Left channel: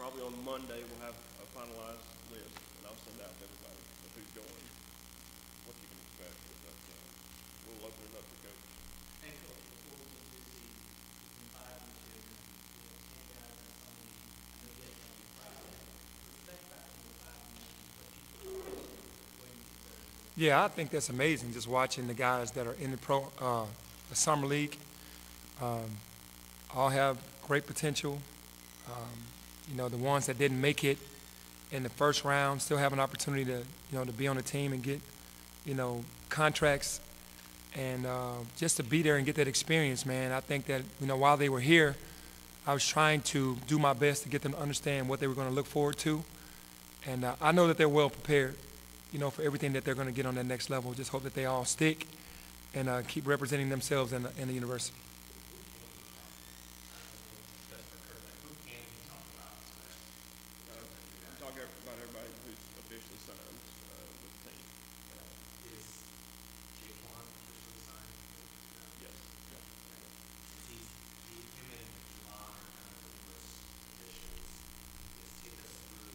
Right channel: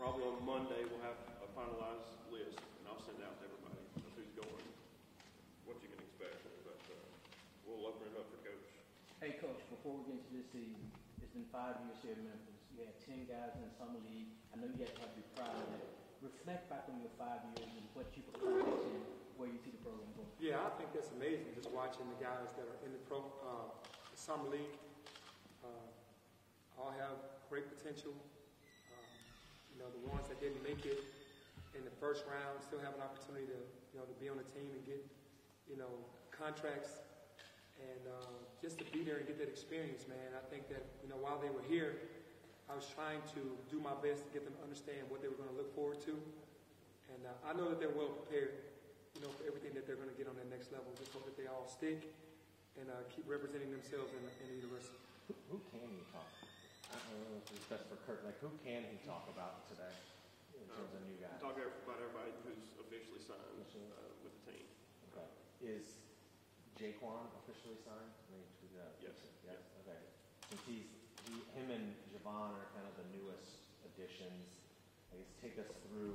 Probably on Monday, we'll have a finalized list, and I'll send out to everybody who's going, what you can expect. But we'll open it up for coaches. Hey, Coach, before we get to this season, it's been 5 years here in Memphis. You have 10 guys in the summer league. I know you guys have to be proud of that. Reflect back on your 5 years and what you've accomplished and where you see the program going. Yeah, I think that's amazing, just watching the guys that are in the summer league. All have great potential. You know, the ones that didn't make it in the first round still have an opportunity to, to be on the team and get, contracts and just to be there and get that experience, man. I think that, while they were here, I was trying to do my best to get them to understand what they were going to look forward to. And I know that they're well prepared, for everything that they're going to get on that next level. Just hope that they all stick and keep representing themselves in the university. Who can you talk about? I don't know if it's best for Kurt. Like, who can you talk about so that the new guys? Talk about everybody who's officially signed with the team. Is Jaykwon officially signed? Yes. Yeah. Okay. Since him and Jayvon are kind of the newest additions, I guess take us through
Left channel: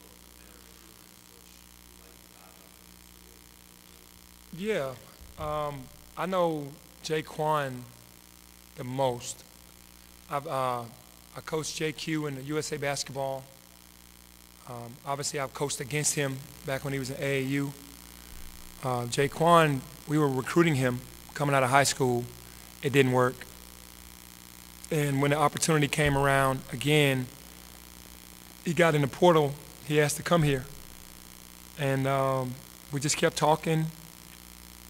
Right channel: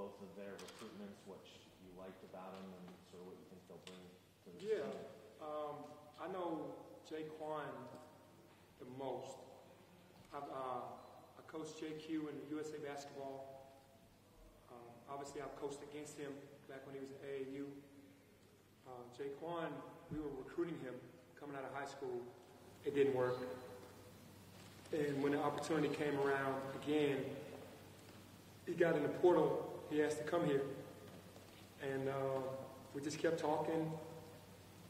both of their recruitments, what you liked about them, and sort of what you think they'll bring. Yeah, I know Jaykwon the most. I coached JQ in the USA basketball. Obviously, I've coached against him back when he was in AAU. Jaykwon, we were recruiting him coming out of high school. It didn't work. And when the opportunity came around again, he got in the portal. He asked to come here. And we just kept talking,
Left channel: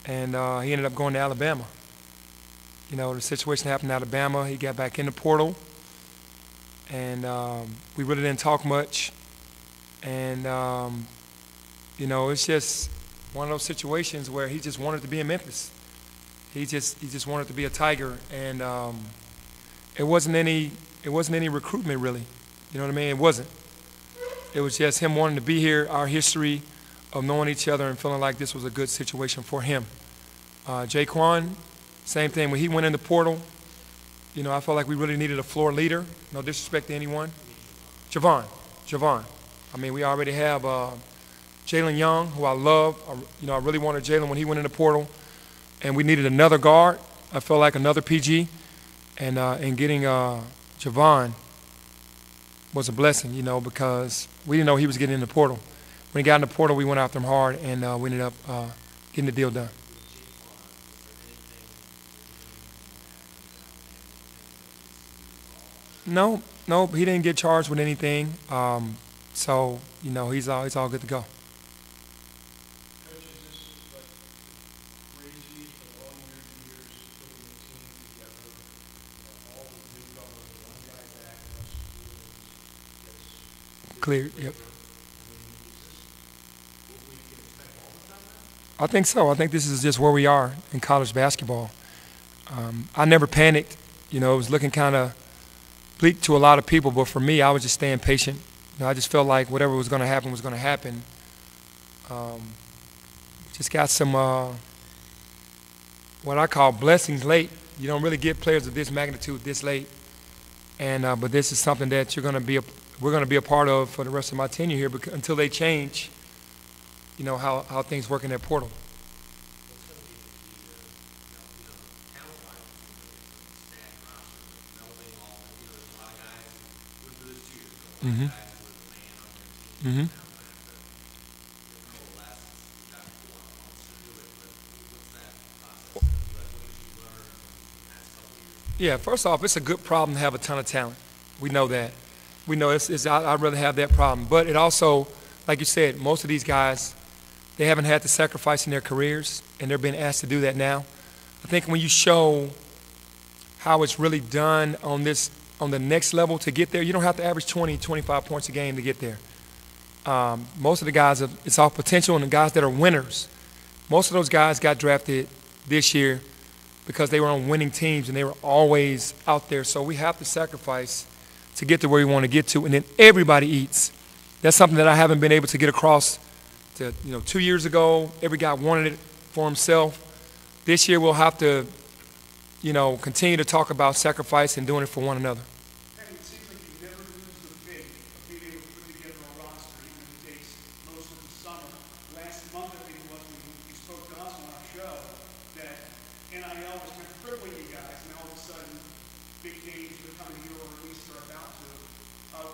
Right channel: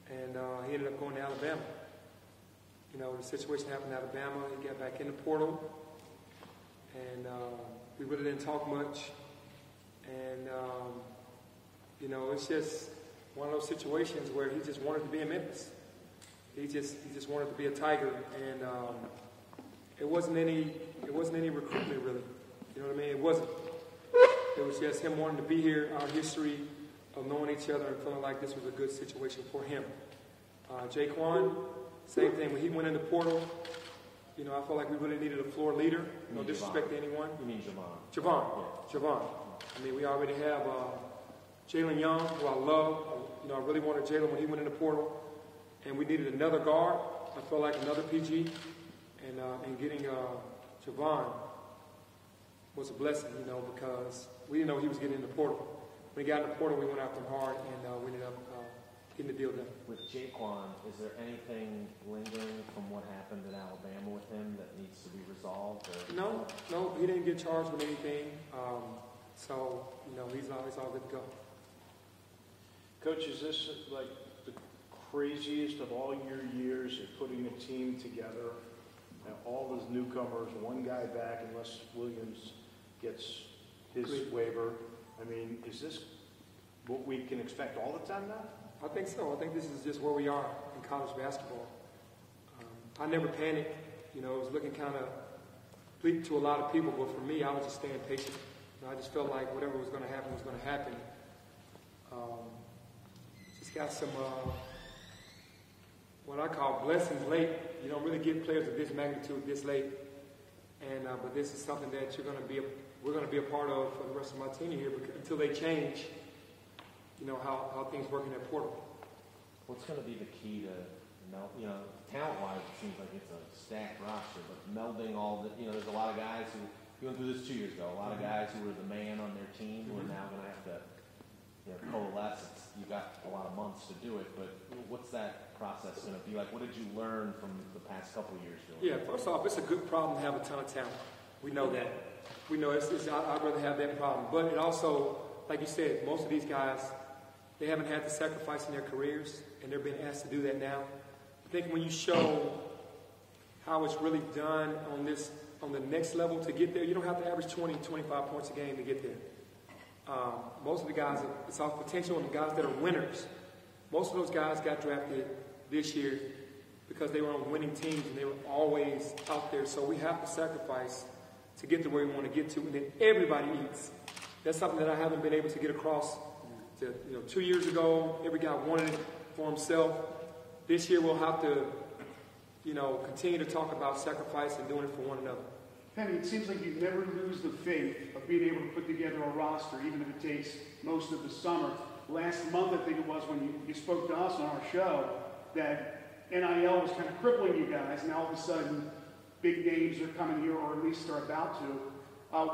and he ended up going to Alabama. The situation happened in Alabama. He got back in the portal, and we really didn't talk much. And, it's just one of those situations where he just wanted to be in Memphis. He just wanted to be a Tiger, and it wasn't any recruitment really. You know what I mean? It wasn't. It was just him wanting to be here, our history of knowing each other and feeling like this was a good situation for him. Jaykwon, same thing. When he went in the portal, I felt like we really needed a floor leader. No disrespect to anyone. You mean Jayvon. I mean, we already have Jalen Young, who I love. I really wanted Jalen when he went in the portal. And we needed another guard. I felt like another PG. And getting Jayvon was a blessing, because we didn't know he was getting in the portal. When he got in the portal, we went after him hard, and we ended up getting the deal done. With Jaykwon, is there anything lingering from what happened in Alabama with him that needs to be resolved? No, he didn't get charged with anything. So, he's all good to go. Coach, is this like the craziest of all your years of putting the team together? All the newcomers, one guy back unless Williams gets his Clear, waiver. yep. I mean, is this what we can expect all the time now? I think so. I think this is just where we are in college basketball. I never panicked. It was looking kind of bleak to a lot of people, but for me, I was just staying patient. I just felt like whatever was going to happen was going to happen. Just got some what I call blessings late. You don't really get players of this magnitude this late, and but this is something that we're going to be a part of for the rest of my tenure here until they change. How things work in that portal. What's going to be the key to, talent-wise, it seems like it's a stacked roster, but melding all the, there's a lot of guys who went through this 2 years ago, a lot of guys who were the man on their team, and now going to have to coalesce. You've got a lot of months to do it, but what's that process going to be like? What did you learn from the past couple of years? Yeah, first off, it's a good problem to have a ton of talent. We know that. We know I'd rather have that problem. But it also, like you said, most of these guys, they haven't had to sacrifice in their careers, and they're being asked to do that now. I think when you show how it's really done on the next level to get there, you don't have to average 20, 25 points a game to get there. Most of the guys, it's all potential, and the guys that are winners, most of those guys got drafted this year because they were on winning teams, and they were always out there. So we have to sacrifice to get to where we want to get to, and then everybody eats. That's something that I haven't been able to get across. 2 years ago, every guy wanted it for himself. This year, we'll have to, continue to talk about sacrifice and doing it for one another. Penny, it seems like you never lose the faith of being able to put together a roster, even if it takes most of the summer. Last month, I think it was, when you spoke to us on our show, that NIL was kind of crippling you guys, and all of a sudden, big games are coming here, or at least they're about to.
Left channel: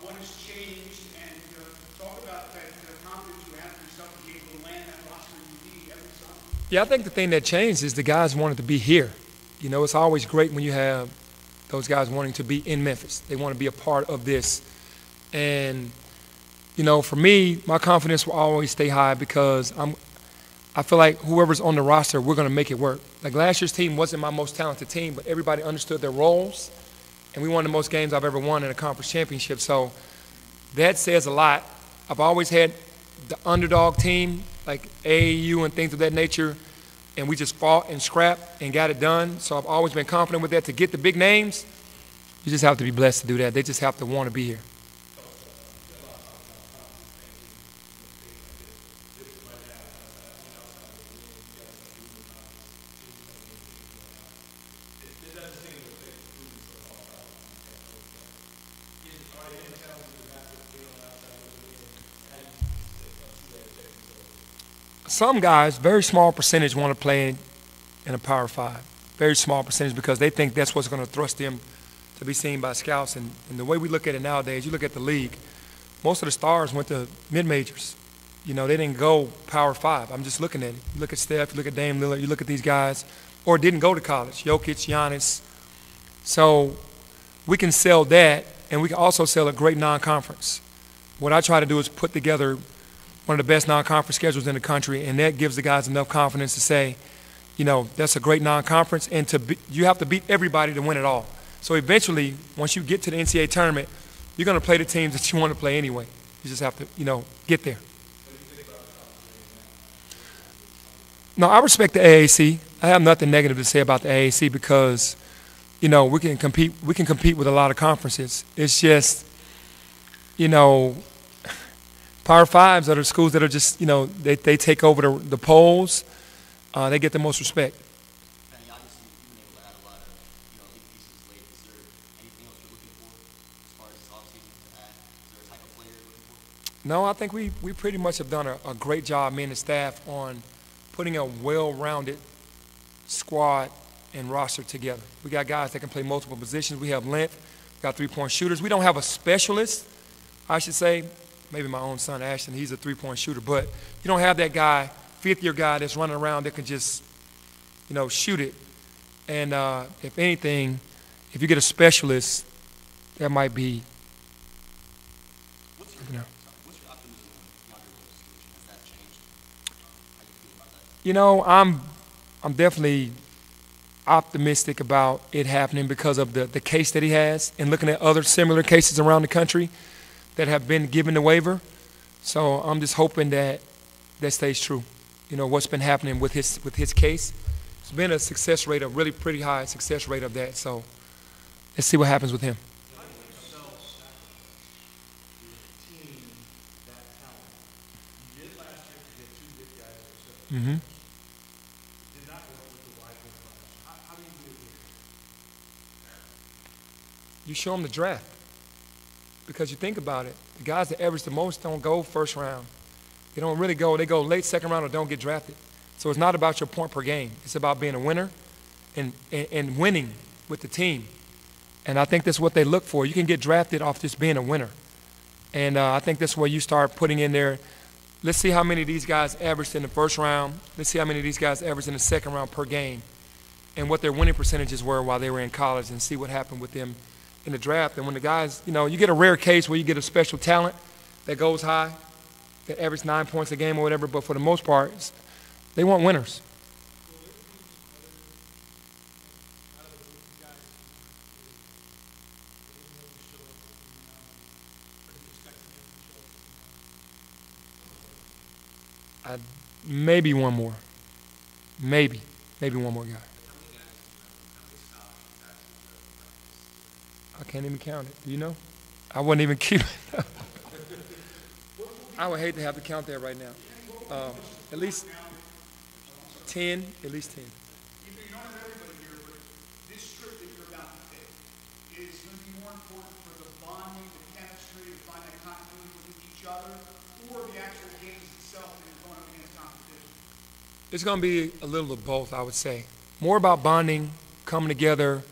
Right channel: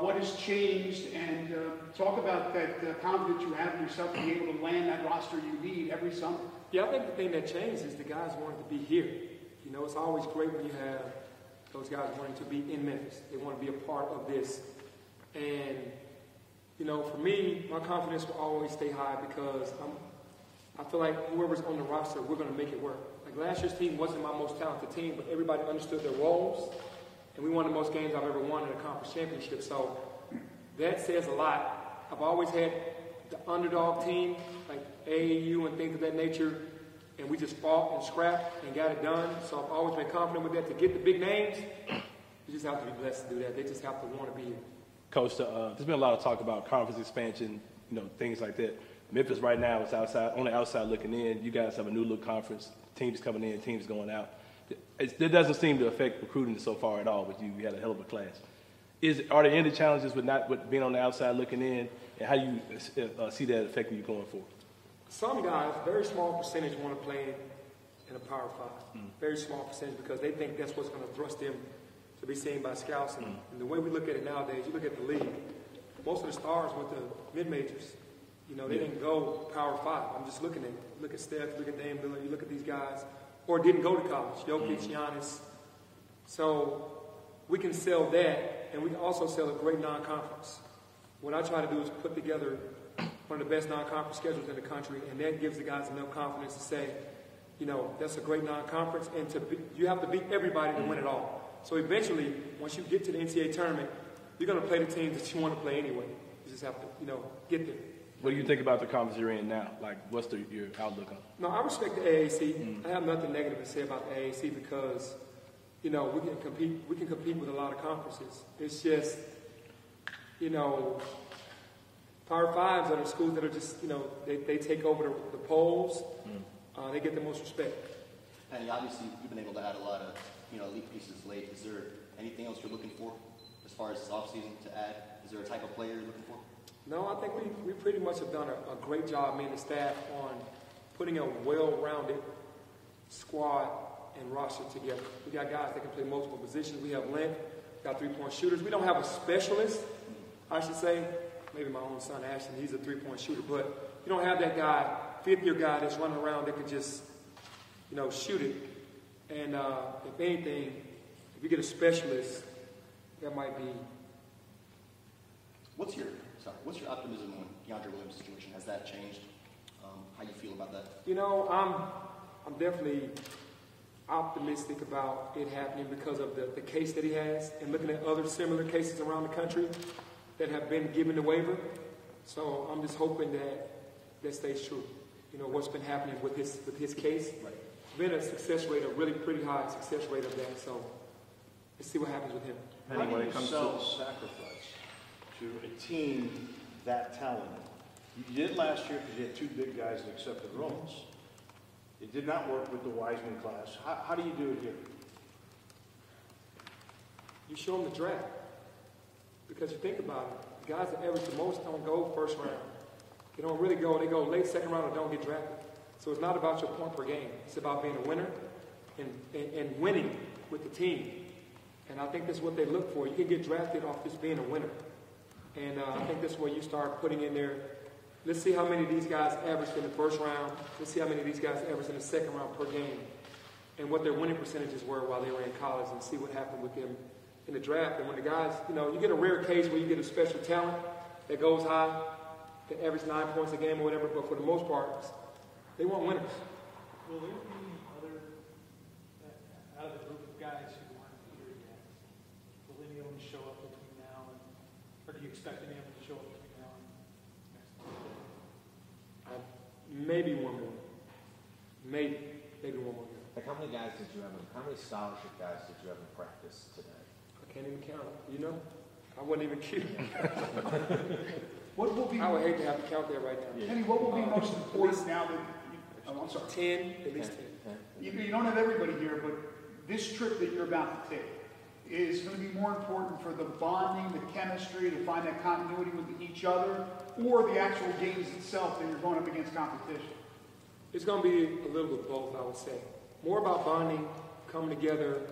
What has changed, and talk about that confidence you have in yourself to be able to land that roster you need every summer. Yeah, I think the thing that changed is the guys wanted to be here. You know, it's always great when you have those guys wanting to be in Memphis. They want to be a part of this. And, you know, for me, my confidence will always stay high because I feel like whoever's on the roster, we're going to make it work. Like last year's team wasn't my most talented team, but everybody understood their roles, and we won the most games I've ever won in a conference championship. So that says a lot. I've always had the underdog team, like AAU and things of that nature, and we just fought and scrapped and got it done. So I've always been confident with that. To get the big names, you just have to be blessed to do that. They just have to want to be here. Coach, there's been a lot of talk about conference expansion, you know, things like that. Memphis right now is on the outside looking in. You guys have a new look conference. Teams coming in, teams going out. It doesn't seem to affect recruiting so far at all with you. You had a hell of a class. Are there any challenges with being on the outside looking in, and how do you see that affecting you going forward? Some guys, very small percentage, want to play in a Power 5. Very small percentage because they think that's what's going to thrust them to be seen by scouts. And the way we look at it nowadays, you look at the league, most of the stars went to mid-majors. You know, they didn't go Power 5. I'm just looking at it. You look at Steph, you look at Dame Lillard, you look at these guys, or didn't go to college, Jokic, Giannis. So we can sell that, and we can also sell a great non-conference. What I try to do is put together one of the best non-conference schedules in the country, and that gives the guys enough confidence to say, you know, that's a great non-conference, and you have to beat everybody to win it all. So eventually, once you get to the NCAA tournament, you're going to play the teams that you want to play anyway. You just have to, you know, get there. What do you think about the conference you're in now? Like, what's your outlook on it? No, I respect the AAC. I have nothing negative to say about the AAC because, you know, we can compete with a lot of conferences. It's just, you know, Power 5s are the schools that are just, you know, they take over the polls. They get the most respect. And obviously, you've been able to add a lot of, you know, elite pieces late. Is there anything else you're looking for as far as this offseason to add? Is there a type of player you're looking for? No, I think we pretty much have done a great job, me and the staff, on putting a well-rounded squad and roster together. We got guys that can play multiple positions. We have length. We got three-point shooters. We don't have a specialist, I should say. Maybe my own son, Ashton, he's a three-point shooter. But you don't have that guy, fifth-year guy that's running around that can just, you know, shoot it. And if anything, if you get a specialist, that might be, What's your optimism on DeAndre Williams' situation? Has that changed? How you feel about that? you know, I'm definitely optimistic about it happening because of the case that he has and looking at other similar cases around the country that have been given the waiver. So I'm just hoping that stays true. You know, what's been happening with his case. It's been a success rate, a really pretty high success rate of that. So let's see what happens with him. How do you self-sacrifice to a team that talented? You did last year because you had two big guys that accepted roles. It did not work with the Wiseman class. How do you do it here? You show them the draft. Because you think about it, the guys that average the most don't go first round. They don't really go. They go late second round or don't get drafted. So it's not about your point per game. It's about being a winner and winning with the team. And I think that's what they look for. You can get drafted off just being a winner. And I think that's where you start putting in there, let's see how many of these guys averaged in the first round. Let's see how many of these guys averaged in the second round per game and what their winning percentages were while they were in college and see what happened with them in the draft. And when the guys, you know, you get a rare case where you get a special talent that goes high, that averages 9 points a game or whatever, but for the most part, they want winners. Maybe one more. Maybe one more guy. Like how many scholarship guys did you ever practice today? I can't even count it. You know? I wouldn't even keep it. I would hate to have to count that right now. Penny, what will be most important at least now that, I'm sorry. 10, at least 10. You don't have everybody here, but this trip that you're about to take, is going to be more important for the bonding, the chemistry, to find that continuity with each other, or the actual games itself that you're going up against competition? It's going to be a little of both, I would say. More about bonding, coming together,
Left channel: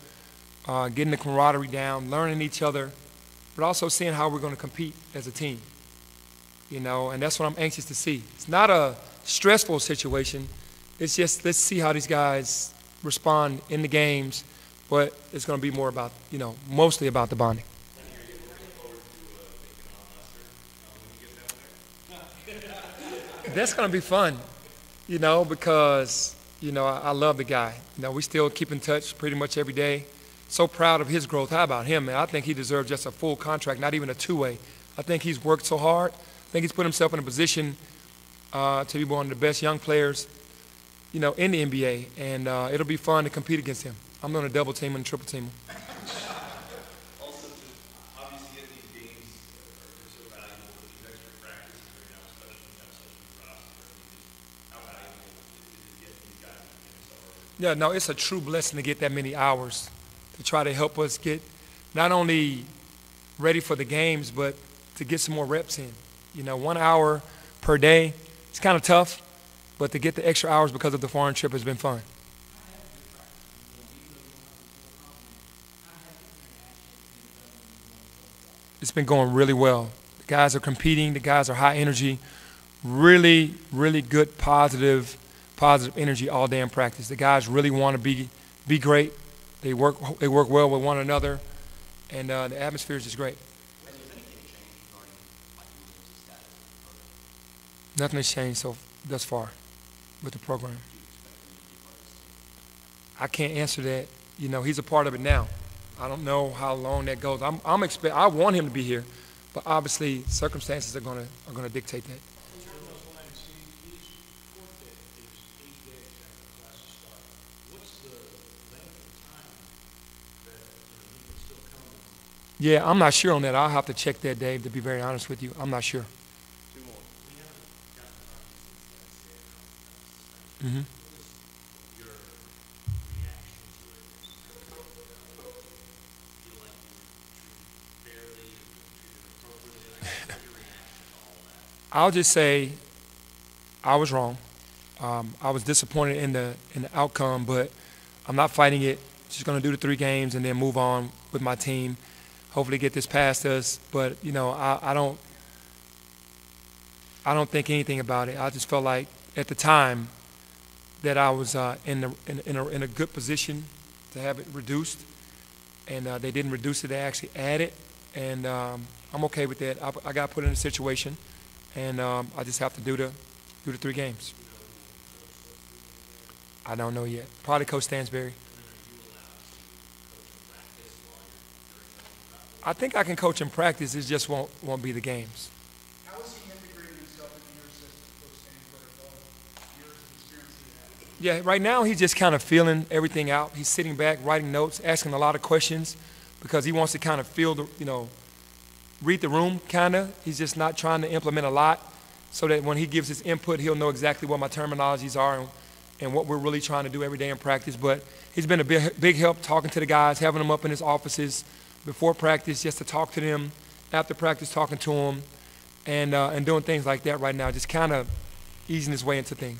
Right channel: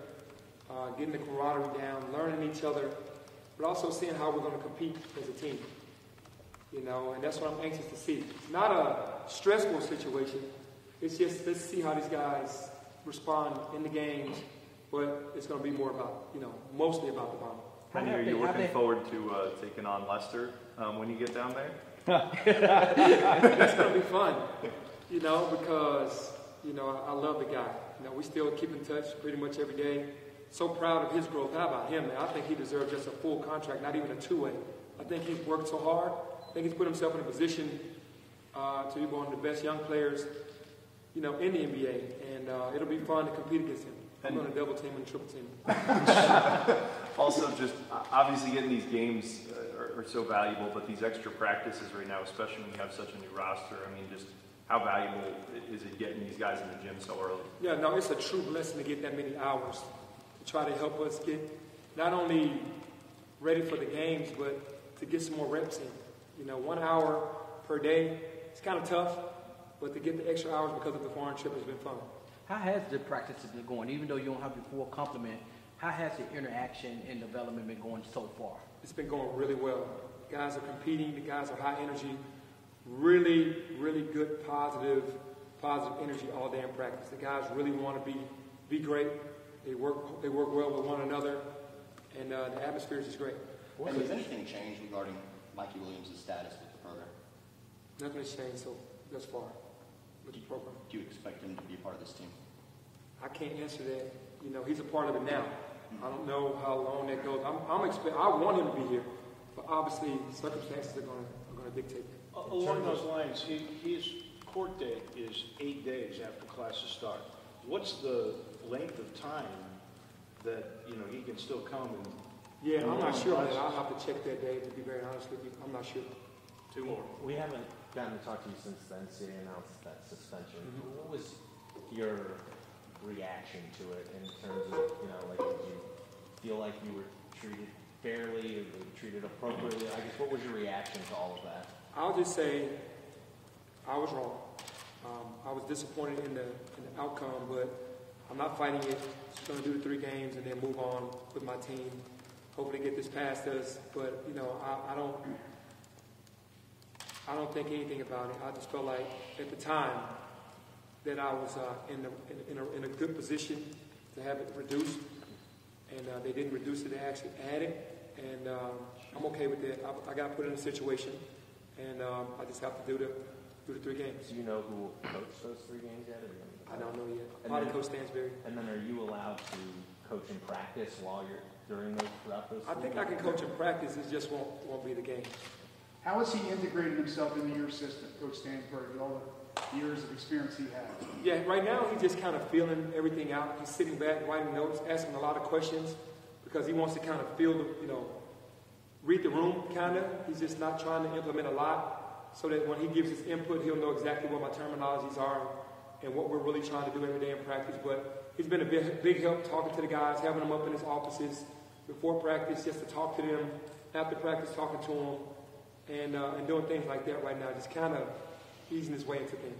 getting the camaraderie down, learning each other, but also seeing how we're going to compete as a team. You know, and that's what I'm anxious to see. It's not a stressful situation. It's just, let's see how these guys respond in the games, but it's going to be more about, you know, mostly about the bonding. And are you looking forward to taking on Lester when you get down there? That's going to be fun, you know, because, you know, I love the guy. You know, we still keep in touch pretty much every day. So proud of his growth. How about him, man? I think he deserves just a full contract, not even a two-way. I think he's worked so hard. I think he's put himself in a position to be one of the best young players, you know, in the NBA, and it'll be fun to compete against him. I'm going to double team and triple team him. Also, just obviously getting these games are so valuable, but these extra practices right now, especially when you have such a new roster, I mean, just how valuable is it getting these guys in the gym so early? Yeah, no, it's a true blessing to get that many hours to try to help us get not only ready for the games, but to get some more reps in. You know, 1 hour per day, it's kind of tough, but to get the extra hours because of the foreign trip has been fun. How has the practice been going? Even though you don't have the full complement, how has the interaction and development been going so far? It's been going really well. The guys are competing. The guys are high energy. Really, really good, positive energy all day in practice. The guys really want to be great. They work well with one another, and the atmosphere is just great. Has anything changed regarding Mikey Williams' status with the program? Nothing has changed thus far with the program. Do you expect him to be a part of this team? I can't answer that. You know, he's a part of it now. I don't know how long that goes. I want him to be here, but obviously circumstances are gonna dictate that. Along those lines, his court day is 8 days after classes start. What's the length of time that, you know, he can still come and... Yeah, I'm not sure on that. I'll have to check that, Dave, to be very honest with you. I'm not sure. We haven't gotten to talk to you since the NCAA announced that suspension. Mhm. What was your reaction to it in terms of, you know, like, did you feel like you were treated fairly or treated appropriately? I guess, what was your reaction to all of that? I'll just say I was wrong. I was disappointed in the outcome, but I'm not fighting it. Just going to do the 3 games and then move on with my team. Hopefully get this past us. But, you know, I don't think anything about it. I just felt like at the time that I was in a good position to have it reduced, and they didn't reduce it; they actually added, and I'm okay with that. I got put in a situation, and I just have to do the 3 games. Do you know who will coach those 3 games yet? I don't know yet. Probably Coach Stansberry. And then are you allowed to coach in practice while you're during those throughout those? I think I can coach in practice. It just won't be the games. How has he integrated himself into your system, Coach Stansberg, with all the years of experience he has? Yeah, right now he's just kind of feeling everything out. He's sitting back, writing notes, asking a lot of questions because he wants to kind of feel the, you know, read the room, kind of. He's just not trying to implement a lot so that when he gives his input, he'll know exactly what my terminologies are and what we're really trying to do every day in practice. But he's been a big help talking to the guys, having them up in his offices before practice just to talk to them, after practice talking to them, and doing things like that right now, just kind of easing his way into things.